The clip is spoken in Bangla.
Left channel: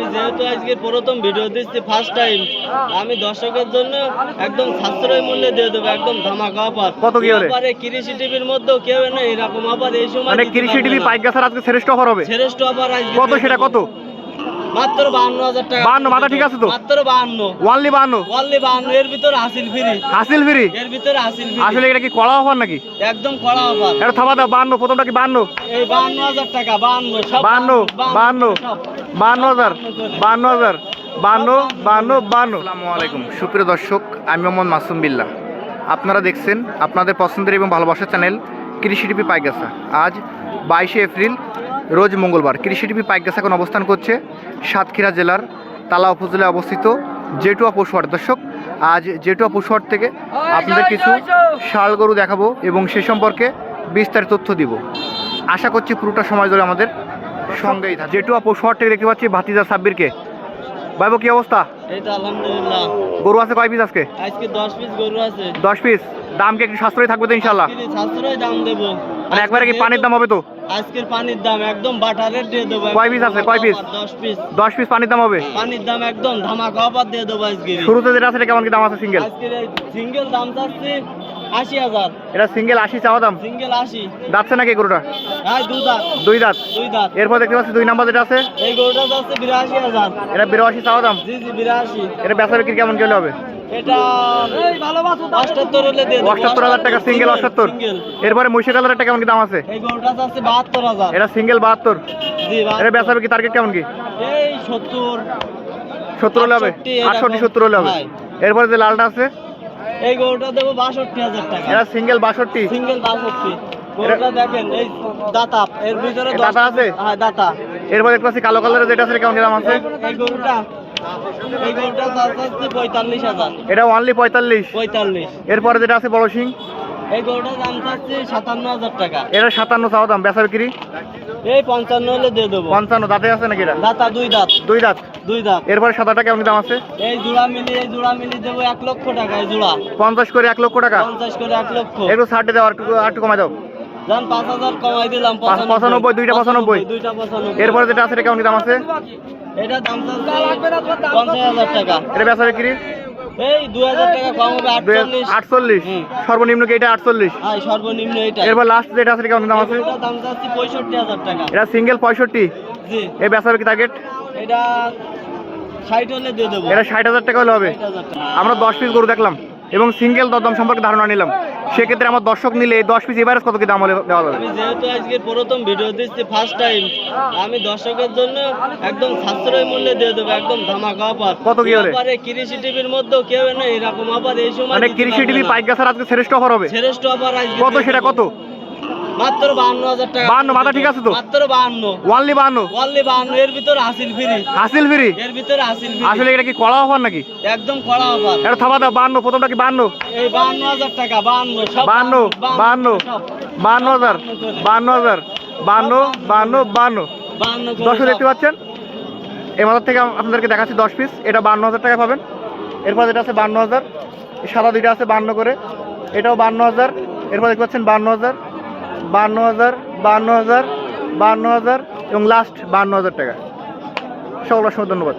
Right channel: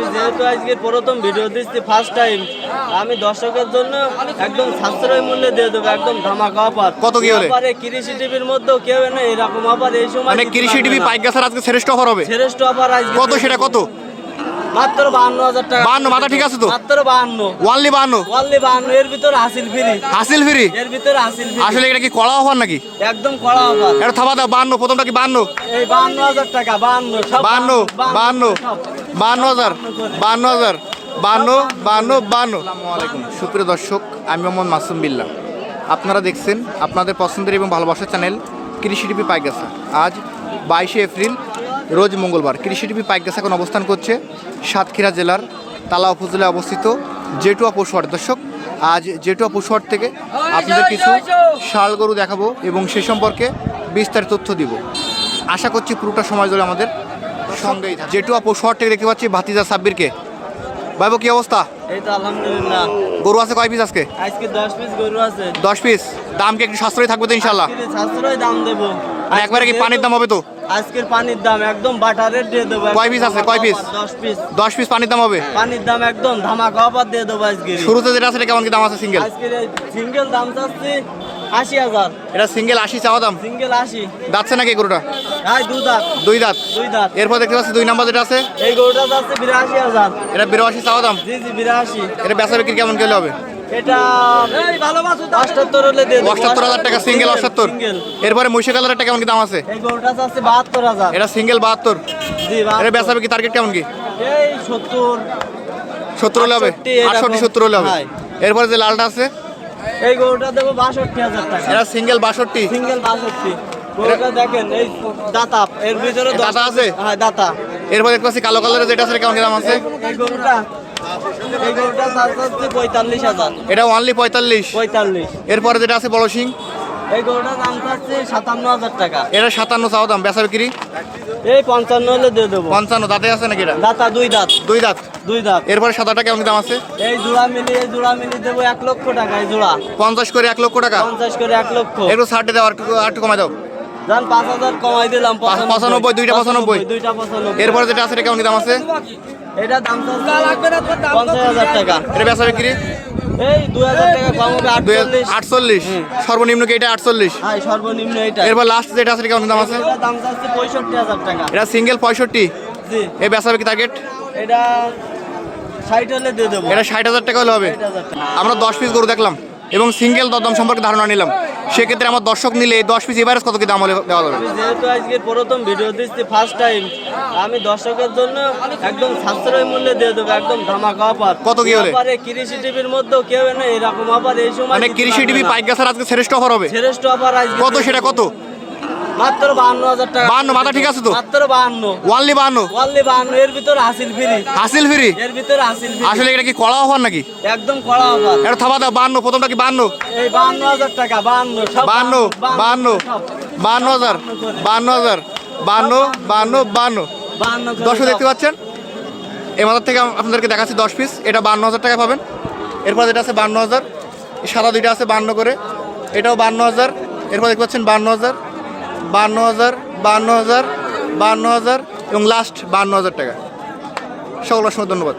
আমি যেহেতু আজকে প্রথম ভিডিও দিচ্ছি ফার্স্ট টাইম আমি দর্শকের জন্য একদম সাশ্রয় মূল্যে দিয়ে দেবো একদম ধামাকা অফার কত কি হলে? এবারে কৃষি টিভির মধ্যেও কেউ না এরকম অফার এই সময় মানে কৃষি টিভি। পাইক গাছের আজকে শ্রেষ্ঠ অফার হবে শ্রেষ্ঠ অফার আজকে কত সেটা কত মাত্র বাহান্ন হাজার টাকা। 52 মাথা ঠিক আছে তো? মাত্র বাহান্ন। ওয়ানলি বান্ন অনলি বাহান্ন এর ভিতরে হাসিল ফ্রি। হাসিল ফ্রি? এর ভিতরে হাসিল ফ্রি। আসলে এটা কি কড়া অফার নাকি? একদম কড়া অফার। এটা থাবা দাও বান্ন প্রথমটা কি বান্ন এই বাহান্ন হাজার টাকা বাহান্ন সব বান্ন বান্ন সব। বান্ন হাজার বান্ন হাজার বান্ন বান্ন বান্ন আসসালামু আলাইকুম সুপ্রিয় দর্শক আমি মোহাম্মদ মাসুম বিল্লাহ। আপনারা দেখছেন আপনাদের পছন্দের এবং ভালোবাসার চ্যানেল কৃষি টিভি পাইগাসা আজ বাইশে এপ্রিল রোজ মঙ্গলবার কৃষি টিভি পাইগাসা এখন অবস্থান করছে সাতক্ষীরা জেলার তালা উপজেলায় অবস্থিত জেটুয়া পশুহাট। দর্শক আজ জেটুয়া পশুহাট থেকে আপনাদের কিছু ষাড় গরু দেখাবো এবং সে সম্পর্কে বিস্তারিত তথ্য দিব। আশা করছি পুরোটা সময় ধরে আমাদের সঙ্গেই থাকে জেটুয়া পশুহাট থেকে দেখতে পাচ্ছি ভাতিজা সাব্বিরকে। ভাইবো কি অবস্থা? এই তো আলহামদুলিল্লাহ। গরু আছে কয় পিস আজকে? আজকে দশ পিস গরু আছে। দশ পিস। দাম কি একটু সাশ্রয়ী থাকবে তো ইনশাল্লাহ সাশ্রয় দাম দেবো। একবারে কি পানির দাম হবে তো? আজকের পানির দাম একদম বাটারের দিয়ে দেবো কয় piece আছে? কয় piece? দশ পিস দশ পিস পানির দাম হবে? পানির দাম একদম ধামাকা অফার দিয়ে দেবো আজকে শুরুতে যেটা আছে কেমন কি দাম আছে সিঙ্গেল সিঙ্গেল দাম চাচ্ছি আশি হাজার। এটা সিঙ্গেল আশি চাওয়া দাম? সিঙ্গেল আশি। যাচ্ছে নাকি গরুটা? হ্যাঁ দুই দাঁত। এরপর দেখতে পাচ্ছি দুই নাম্বার যেটা আছে? এই গরুটা যাচ্ছে বিরাশি হাজার। এটা বিরাশি চাওয়া দাম? জি জি বিরাশি। এটা বেচা বিক্রি কেমন গেলে হবে? টাকা সিঙ্গেল অষ্টাত্তর। এরপরে মহিষা কালারটা কেমন কি দাম আছে? এটা সিঙ্গেল বাহাত্তর। জি এটা বিক্রি টার্গেট কেমন কি? সত্তর। হলে হবে? 68 আটষট্টি সত্তর হলে হবে। এরপরে যে লালটা আছে? এই গরুটা দেবো বাষট্টি হাজার টাকা। এটা সিঙ্গেল বাষট্টি। সিঙ্গেল বাষট্টি। গরুটা দেখেন এই দাতা। এর ভিতরে দশ- দাতা আছে? হ্যাঁ দাতা। এরপর দেখতে পাচ্ছি কালো কালারের যেটা আছে কেমন দাম আছে? পঁয়তাল্লিশ হাজার। এটা অনলি পঁয়তাল্লিশ? পঁয়তাল্লিশ। এরপরে যেটা আছে বড় সিং এই গরুটার দাম সাতান্ন হাজার টাকা। এটা সাতান্ন চাওয়া দাম বেচা বিক্রি? এই পঞ্চান্ন হলে দিয়ে দেবো। পঞ্চান্ন দাঁতে আছে নাকি এটা? দাতা দুই দাঁত। দুই দাঁত? দুই দাঁত। এরপরে সাদাটা কেমন দাম আছে? এই জোড়া মিলিয়ে এই জোড়া মিলিয়ে দেবো এক লক্ষ টাকা এই জোড়া। পঞ্চাশ করে এক লক্ষ টাকা? পঞ্চাশ করে এক লক্ষ। একটু ষাটে দাও আর একটু কমাই দাও। পাঁচ হাজার কমাই দিলাম পঁচানব্বই, দুইটা পঁচানব্বই। দুইটা পঁচানব্বই। এরপরে যেটা আছে কেমন দাম আছে? এটা দাম চাচ্ছে পঞ্চাশ হাজার টাকা। এটা বেচা বিক্রি? এই দুই হাজার টাকা কম হবে আটচল্লিশ। আটচল্লিশ। সর্বনিম্ন কি এটা আটচল্লিশ? হ্যাঁ সর্বনিম্ন এটা। এরপর লাস্ট যেটা আছে কেমন দাম আছে? এটা দাম পঁয়ষট্টি হাজার টাকা। এটা সিঙ্গেল পঁয়ষট্টি? জি। এই বেচা বিক্রি টার্গেট এটা ষাট হলে দিয়ে দেবো। এটা ষাট হাজার টাকা হলে হবে। আমরা দশ পিস গরু দেখলাম। এবং সিঙ্গেল দরদাম সম্পর্কে ধারণা নিলাম। সেক্ষেত্রে আমার দর্শক নিলে দশ পিস এভারেজ কত কি দাম হলে দেওয়া যাবে? যেহেতু আজকে প্রথম ভিডিও দিচ্ছি ফার্স্ট টাইম আমি দর্শকের জন্য একদম সাশ্রয় মূল্যে দিয়ে দেবো একদম ধামাকা অফার কত কি হলে? পারে কৃষি টিভির মধ্যে কেউ না এরকম অফার এই সময় মানে কৃষি টিভি পাইকাসার আজকে শ্রেষ্ঠ অফার হবে? শ্রেষ্ঠ অফার আজকে কত সেটা কত? মাত্র বাহান্ন হাজার টাকা। 52 মাথা ঠিক আছে তো? মাত্র বাহান্ন। ওয়ানলি বান্ন ওয়ানলি বাহান্ন এর ভিতরে হাসিল ফ্রি। হাসিল ফ্রি? এর ভিতরে হাসিল ফ্রি। আসলে এটা কি কড়া অফার নাকি? একদম কড়া অফার। এটা থাবা দাও বান্ন প্রথমটা কি এই টাকা সব সব। দেখতে পাচ্ছেন? এই মাথার থেকে আপনাদেরকে দেখাচ্ছি দশ পিস এটা বান্ন হাজার টাকা পাবেন। এরপর যেটা আছে বান্ন হাজার সাদা দুইটা আছে বান্ন করে। এটাও বান্ন হাজার। এরপর দেখতে পাচ্ছেন বান্ন হাজার। বান্ন হাজার বান্ন হাজার বান্ন হাজার এবং লাস্ট বান্ন হাজার টাকা। সকল অসংখ্য ধন্যবাদ।